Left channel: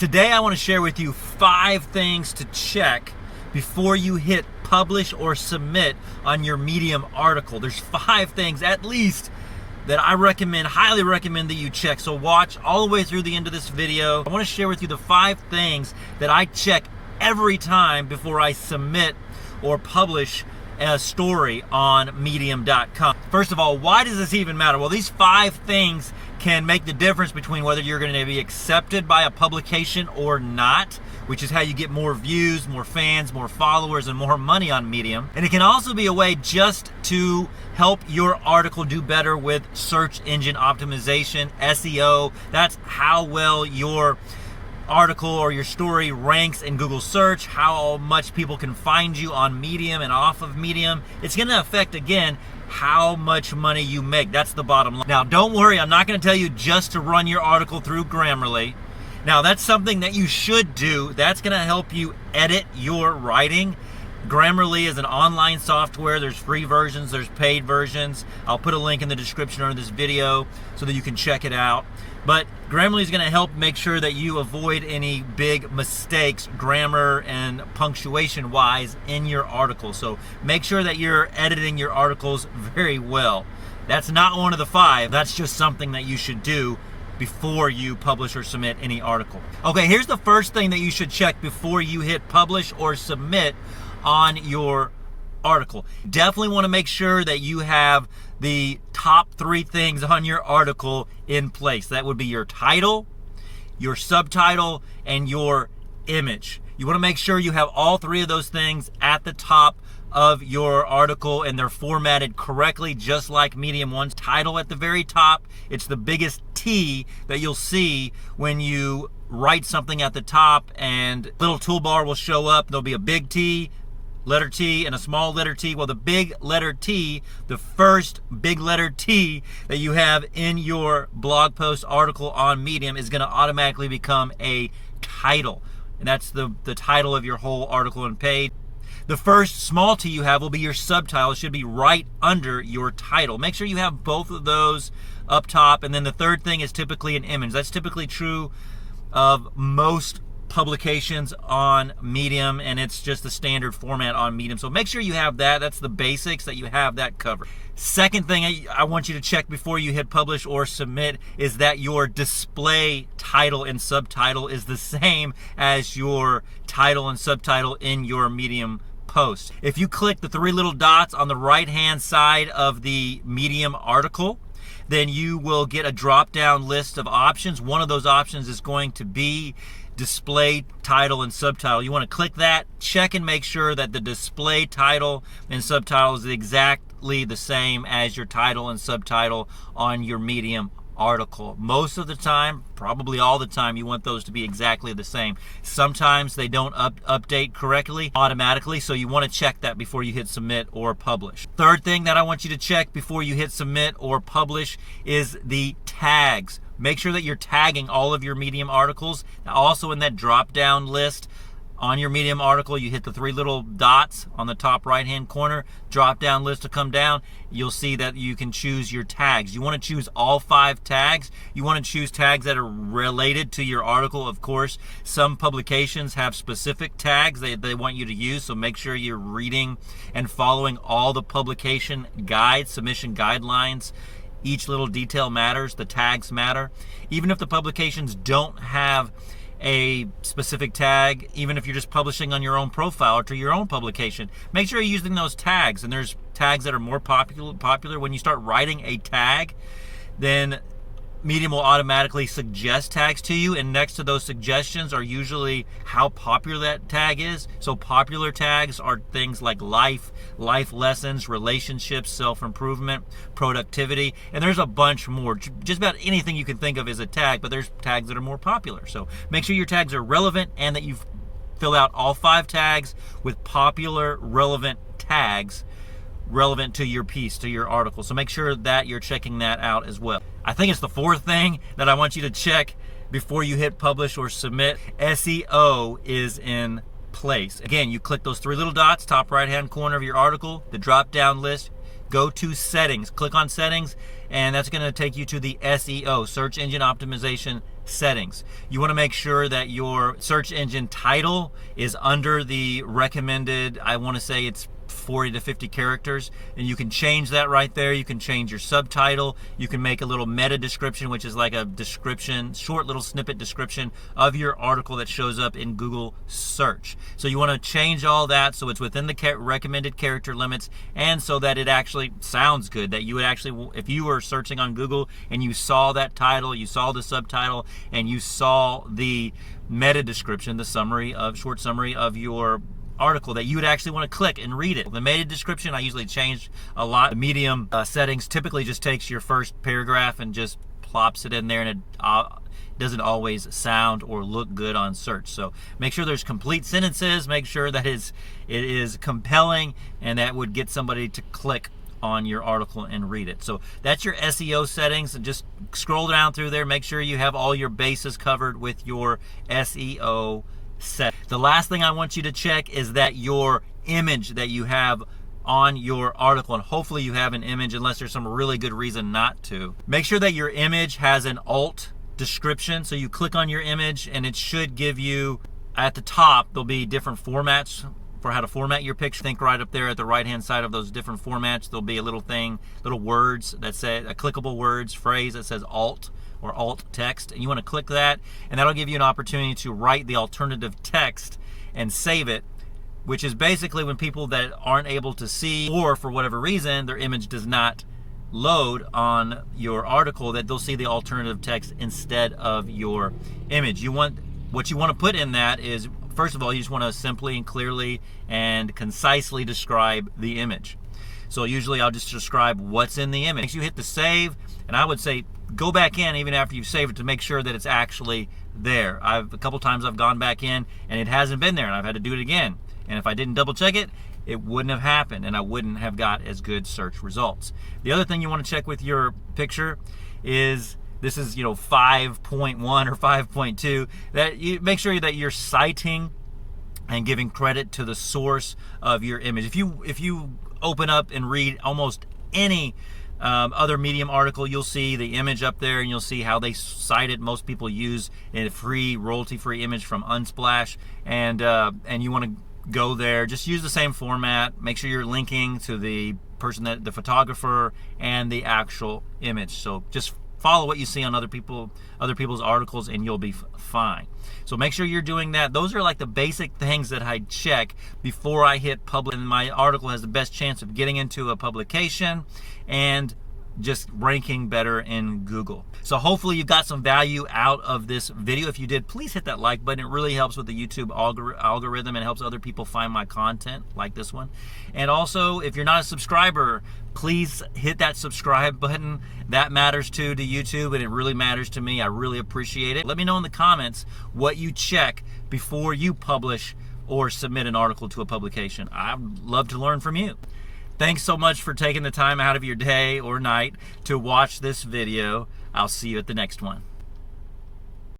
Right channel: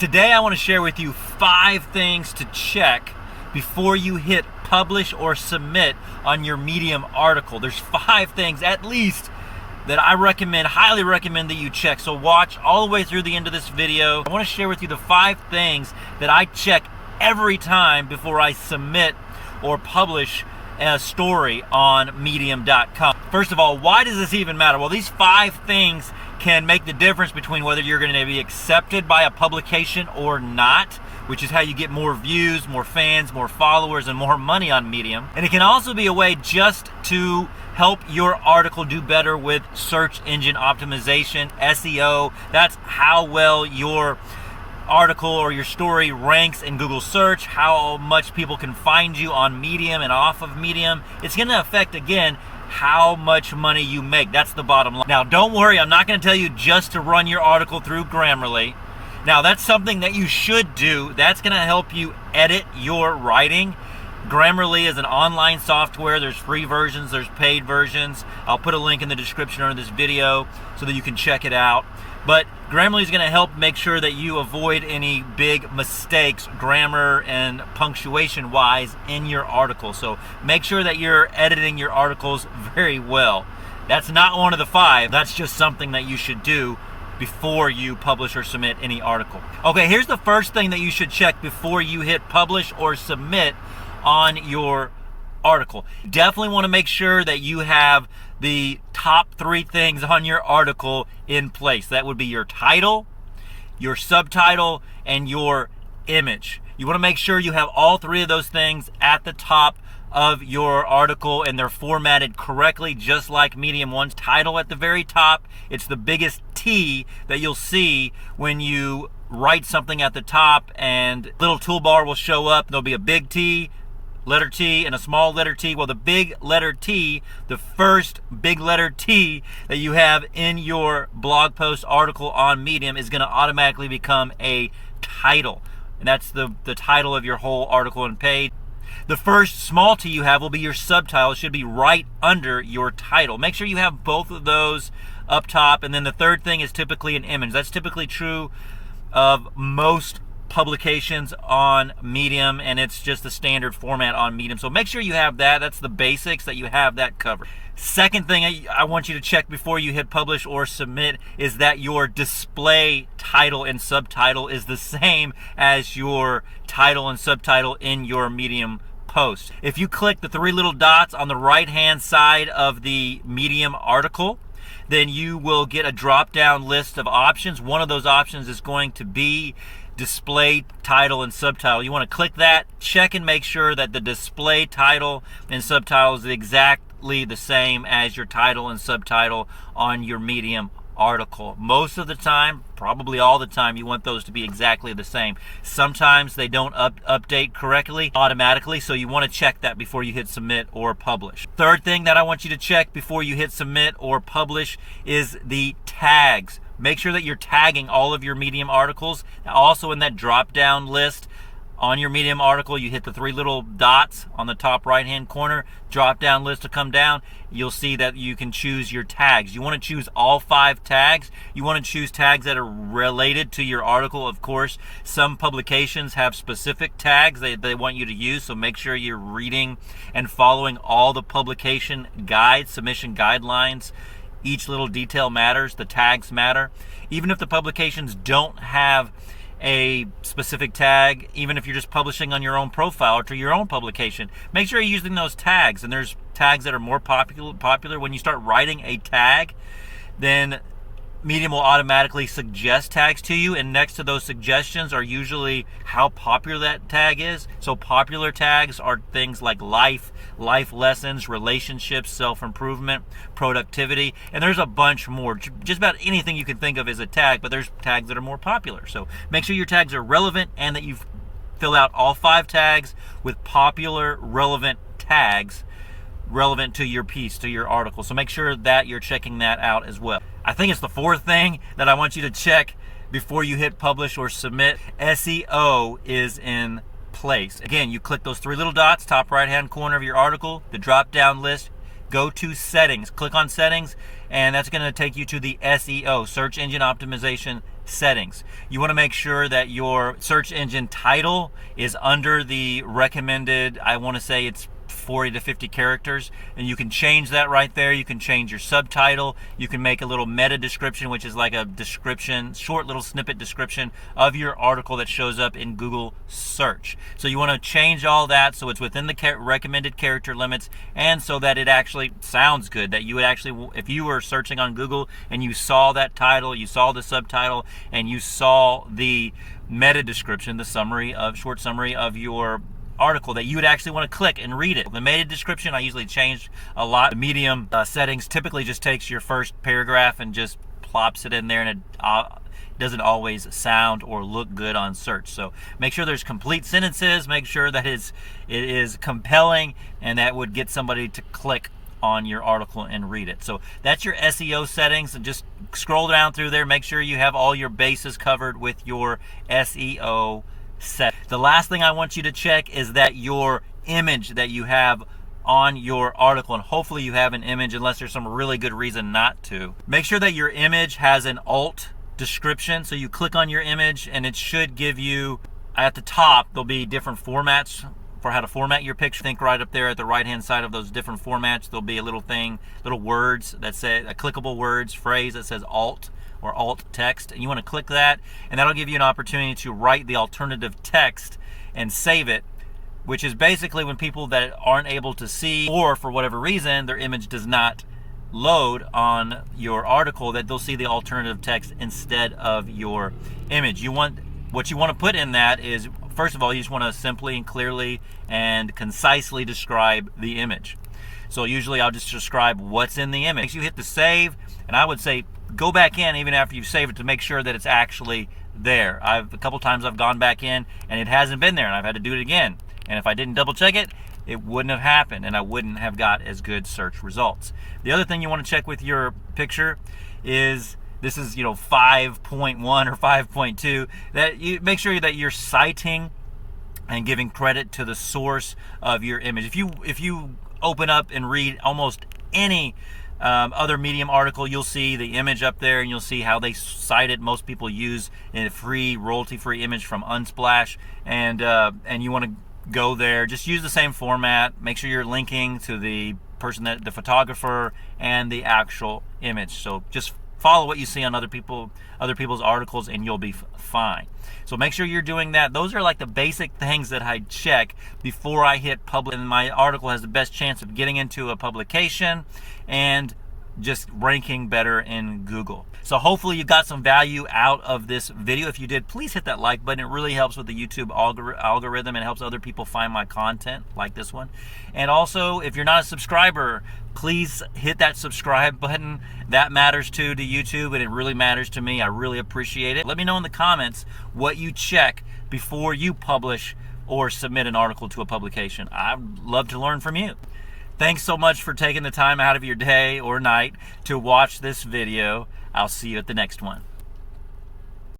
Today I want to share with you 5 things to check before you hit publish or submit on your Medium article. There's 5 things at least that I highly recommend that you check. So watch all the way through the end of this video. I want to share with you the 5 things that I check every time before I submit or publish a story on medium.com. First of all, why does this even matter? Well, these 5 things can make the difference between whether you're going to be accepted by a publication or not, which is how you get more views, more fans, more followers, and more money on Medium. And it can also be a way just to help your article do better with search engine optimization, SEO. That's how well your article or your story ranks in Google search, how much people can find you on Medium and off of Medium. It's going to affect, again, how much money you make. That's the bottom line. Now, don't worry, I'm not going to tell you just to run your article through Grammarly. Now, that's something that you should do. That's going to help you edit your writing. Grammarly is an online software. There's free versions, there's paid versions. I'll put a link in the description under this video so that you can check it out. But Grammarly is going to help make sure that you avoid any big mistakes, grammar and punctuation wise, in your article. So make sure that you're editing your articles very well. That's not one of the 5. That's just something that you should do before you publish or submit any article. Okay, here's the first thing that you should check before you hit publish or submit on your article. Definitely want to make sure that you have the top 3 things on your article in place. That would be your title, your subtitle, and your image. You want to make sure you have all 3 of those things at the top of your article and they're formatted correctly, just like Medium one's. Title at the very top. It's the biggest T that you'll see when you write something at the top, and a little toolbar will show up. There'll be a big T, letter T, and a small letter T. Well, the big letter T, the first big letter T that you have in your blog post article on Medium, is going to automatically become a title. And that's the title of your whole article and page. The first small T you have will be your subtitle. It should be right under your title. Make sure you have both of those up top. And then the third thing is typically an image. That's typically true of most publications on Medium, and it's just the standard format on Medium. So make sure you have that. That's the basics, that you have that covered. Second thing I want you to check before you hit publish or submit is that your display title and subtitle is the same as your title and subtitle in your Medium post. If you click the 3 little dots on the right hand side of the Medium article, then you will get a drop down list of options. One of those options is going to be display title and subtitle. You want to click that, check and make sure that the display title and subtitle is exactly the same as your title and subtitle on your Medium article. Most of the time, probably all the time, you want those to be exactly the same. Sometimes they don't update correctly automatically, so you want to check that before you hit submit or publish. Third thing that I want you to check before you hit submit or publish is the tags. Make sure that you're tagging all of your Medium articles. Now, also in that drop-down list on your Medium article, you hit the 3 little dots on the top right-hand corner, drop-down list to come down. You'll see that you can choose your tags. You want to choose all 5 tags. You want to choose tags that are related to your article, of course. Some publications have specific tags they want you to use, so make sure you're reading and following all the publication guides, submission guidelines. Each little detail matters. The tags matter. Even if the publications don't have a specific tag, even if you're just publishing on your own profile or to your own publication, make sure you're using those tags. And there's tags that are more popular. When you start writing a tag, then Medium will automatically suggest tags to you, and next to those suggestions are usually how popular that tag is. So popular tags are things like life lessons, relationships, self-improvement, productivity, and there's a bunch more. Just about anything you can think of is a tag, but there's tags that are more popular. So make sure your tags are relevant and that you fill out all 5 tags with popular, relevant tags relevant to your piece, to your article. So make sure that you're checking that out as well. I think it's the 4th thing that I want you to check before you hit publish or submit. SEO is in place. Again, you click those 3 little dots, top right hand corner of your article, the drop down list, go to settings, click on settings, and that's going to take you to the SEO, search engine optimization settings. You want to make sure that your search engine title is under the recommended, I want to say it's 40 to 50 characters, and you can change that right there. You can change your subtitle. You can make a little meta description, which is like a description, short little snippet description of your article that shows up in Google search. So you want to change all that so it's within the recommended character limits, and so that it actually sounds good, that you would actually, if you were searching on Google and you saw that title, you saw the subtitle, and you saw the meta description, the summary of, short summary of your article, that you would actually want to click and read it. The meta description, I usually change a lot. The Medium settings typically just takes your first paragraph and just plops it in there, and it doesn't always sound or look good on search. So make sure there's complete sentences, make sure that it is compelling, and that would get somebody to click on your article and read it. So that's your SEO settings, and just scroll down through there, make sure you have all your bases covered with your SEO set. The last thing I want you to check is that your image that you have on your article, and hopefully you have an image unless there's some really good reason not to. Make sure that your image has an alt description. So you click on your image and it should give you, at the top, there'll be different formats for how to format your picture. Think right up there at the right hand side of those different formats, there'll be a little thing, little words that say, a clickable words phrase that says alt or alt text, and you want to click that, and that'll give you an opportunity to write the alternative text and save it, which is basically when people that aren't able to see, or for whatever reason their image does not load on your article, that they'll see the alternative text instead of your image. What you want to put in that is, first of all, you just want to simply and clearly and concisely describe the image. So usually I'll just describe what's in the image. You hit the save, and I would say go back in even after you save it to make sure that it's actually there. A couple times I've gone back in and it hasn't been there, and I've had to do it again. And if I didn't double check it, it wouldn't have happened, and I wouldn't have got as good search results. The other thing you want to check with your picture is, this is 5.1 or 5.2, that you make sure that you're citing and giving credit to the source of your image. If you open up and read almost any other Medium article, you'll see the image up there, and you'll see how they cite it. Most people use a free, royalty-free image from Unsplash, and you want to go there. Just use the same format. Make sure you're linking to the person, the photographer, and the actual image. So just follow what you see on other people's articles, and you'll be fine. So make sure you're doing that. Those are like the basic things that I check before I hit publish, and my article has the best chance of getting into a publication and just ranking better in Google. So hopefully you got some value out of this video. If you did, please hit that like button. It really helps with the YouTube algorithm, and helps other people find my content like this one. And also, if you're not a subscriber, please hit that subscribe button. That matters too to YouTube, and it really matters to me. I really appreciate it. Let me know in the comments what you check before you publish or submit an article to a publication. I'd love to learn from you. Thanks so much for taking the time out of your day or night to watch this video. I'll see you at the next one.